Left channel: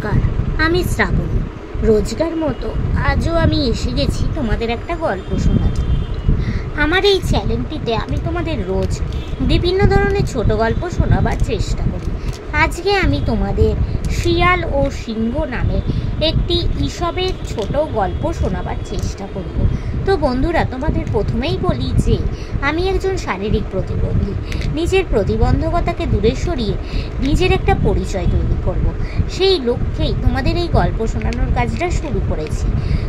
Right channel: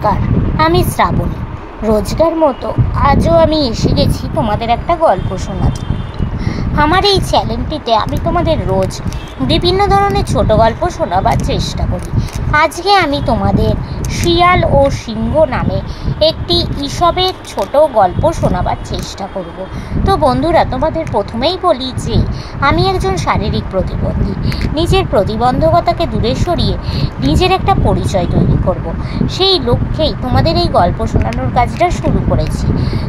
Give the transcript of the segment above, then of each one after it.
নমস্কার, আমি শ্রাবণী। রোজকার মতো আজও আমি এসে গেছি তোমাদের একটা গল্প শোনাতে। আমার এই চ্যানেলটিতে আমি তোমাদের রোজ বিভিন্ন ধরনের ছোট গল্প শোনাবার চেষ্টা করি। আজকে আমি তোমাদের শিয়াল ও সিংহ নামে একটি ঈশপের ছোট গল্প শোনাবার চেষ্টা করব। তো বন্ধুরা, তোমাদের প্রথমেই বলি যে আমি একজন শারীরিক প্রতিবন্ধী। নিজের প্রতিবন্ধকতাকে দূরে সরিয়ে নিজের একটা পরিচয় তৈরি করব, সেই লক্ষ্যেই তোমাদের এই গল্প শোনানোর কাজটা শুরু করেছি।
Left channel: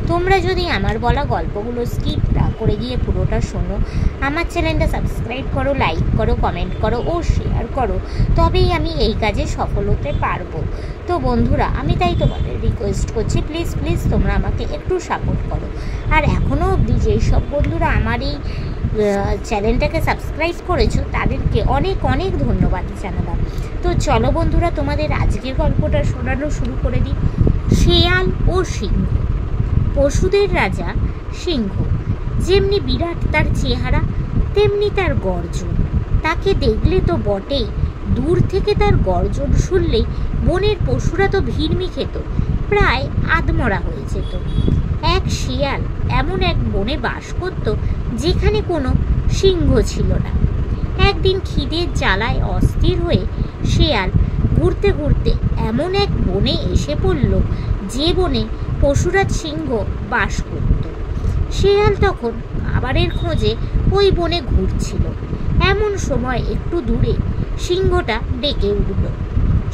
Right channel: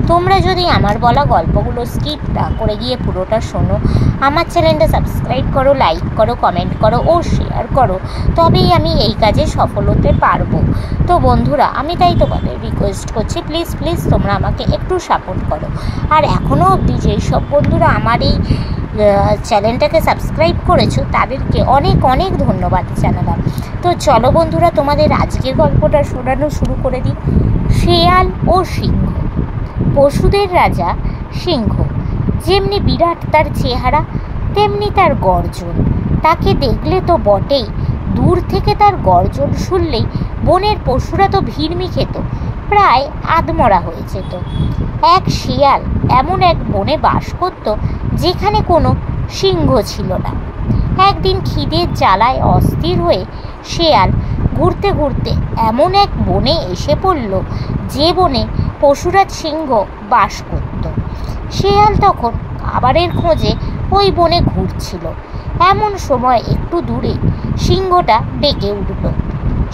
তোমরা যদি আমার বলা গল্পগুলো স্কিপ না করে গিয়ে পুরোটা শোনো, আমার চ্যানেলটা সাবস্ক্রাইব করো, লাইক করো, কমেন্ট করো ও শেয়ার করো, তবেই আমি এই কাজে সফল হতে পারবো। তো বন্ধুরা, আমি তাই তোমাদের রিকোয়েস্ট করছি, প্লিজ প্লিজ তোমরা আমাকে একটু সাপোর্ট করো। আর এখনও অবধি যেই সব বন্ধুরা আমার এই চ্যানেলটাকে সাবস্ক্রাইব করেছো তাদেরকে অনেক অনেক ধন্যবাদ জানালাম। তো চলো বন্ধুরা, তোমাদের আজকের গল্পটা শোনানো শুরু করে দিই। শেয়াল ও সিংহ। পশুদের রাজা সিংহ। যেমনি বিরাট তার চেহারা, তেমনি তার গর্জন। তাকে দেখলে তো বটেই, দূর থেকে তার গর্জন শুনলেই বনের পশুরা তো ভিড়মি খেত, প্রায় আধমরা হয়ে যেত। এক শিয়াল এমন এক বনে বাস করত যেখানে কোনো সিংহ ছিল না। একদিন খিদের জ্বালায় অস্থির হয়ে শিয়াল ঘুরতে ঘুরতে এমন এক বনে এসে পড়ল যে বনে পশুরাজ সিংহ বাস করত। শিয়াল তখন খাবারের খোঁজে ওই বনে ঘুরছিল। এমন সময় একটু দূরে সিংহটা ডেকে উঠল।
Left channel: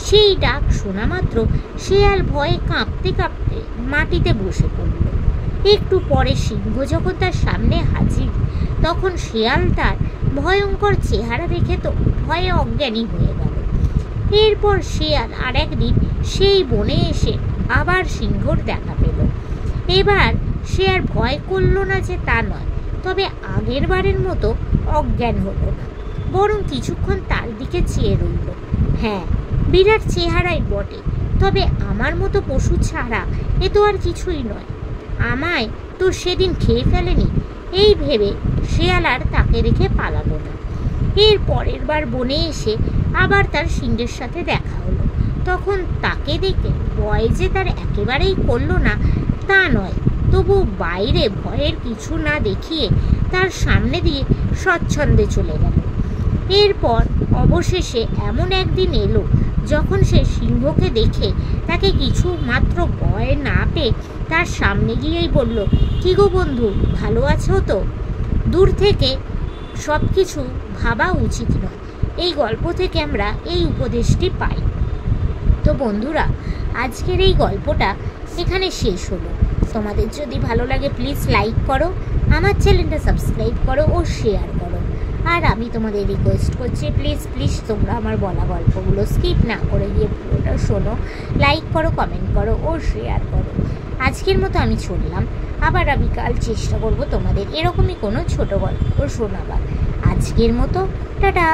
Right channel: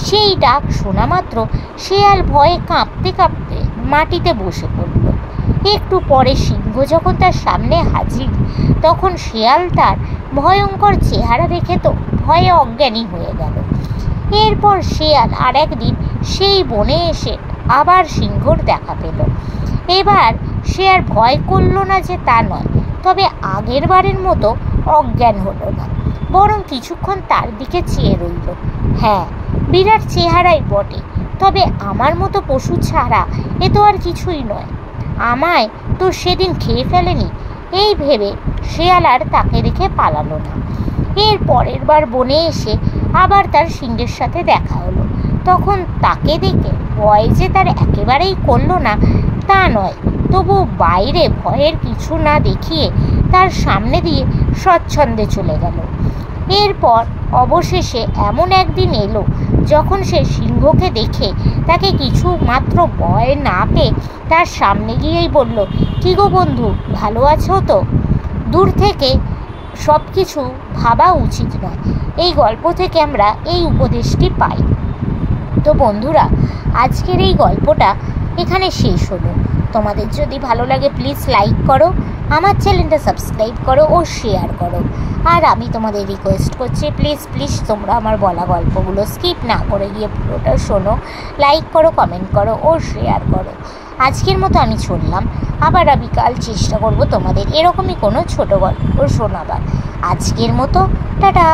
সেই ডাক শোনা মাত্র শিয়াল ভয়ে কাঁপতে কাঁপতে মাটিতে বসে পড়ল। একটু পরে সিংহ যখন তার সামনে হাজির, তখন শিয়াল তার ভয়ঙ্কর চেহারা দেখে তো ভয়ে অজ্ঞানী হয়ে গেল। এরপর শিয়াল আর একদিন সেই বনে এসে আবার সিংহর দেখা পেল। এবার সে আর ভয় করল না যে তা নয়, তবে আগের বারের মতো অজ্ঞান হলো না, বরং কিছুক্ষণ তার দিকে চেয়ে রইল। হ্যাঁ, বিরাট চেহারাই বটে, তবে আমার মতো পশু ছাড়া এ তো আর কিছুই নয়। আমায় তো সেদিন খেয়ে ফেলেনি, এই ভেবে শিয়াল আর তাকে দেখে পালালো না। এর পরের বার বনে এসে আবার তার সিংহের সাথে দেখা হলো। তখন তাকে দেখে ভয় যে তার একেবারেই করলো না তা নয়, তবু বাইরে ভয়ের কিছু না দেখিয়ে তার সামনে দিয়ে স্বচ্ছন্দে চলে গেল। এরপর অবশেষে এমন একদিন এলো যখন সে সিংহকে দেখে তাকে কিছু মাত্র ভয় না পেয়ে তার সামনে গিয়েই বলল, কি গো বন্ধু, ভালো আছো তো? দূর থেকে সব কিছু ভাবা উচিত নয়। এই গল্প থেকে আমরা এই উপদেশটি পাই। তো বন্ধুরা, আজকের এই গল্পটা এখানে শেষ হলো। তোমাদের যদি ভালো লাগে প্লিজ লাইক করো, আমার চ্যানেলটা সাবস্ক্রাইব করো ও শেয়ার করো। আর আমি তোমাদের রিকোয়েস্ট করছি, প্লিজ প্লিজ তোমরা আমার বলা গল্পগুলো স্কিপ না করে গিয়ে পুরোটা শোনো, লাইক করো, কমেন্ট করো ও শেয়ার করো। আজকের মতো আমি শুনলাম, আবার আমি কাল চেষ্টা করব তোমাদের এরকমই কোনো ছোট গল্প শোনাবার। আজকের মতো টাটা।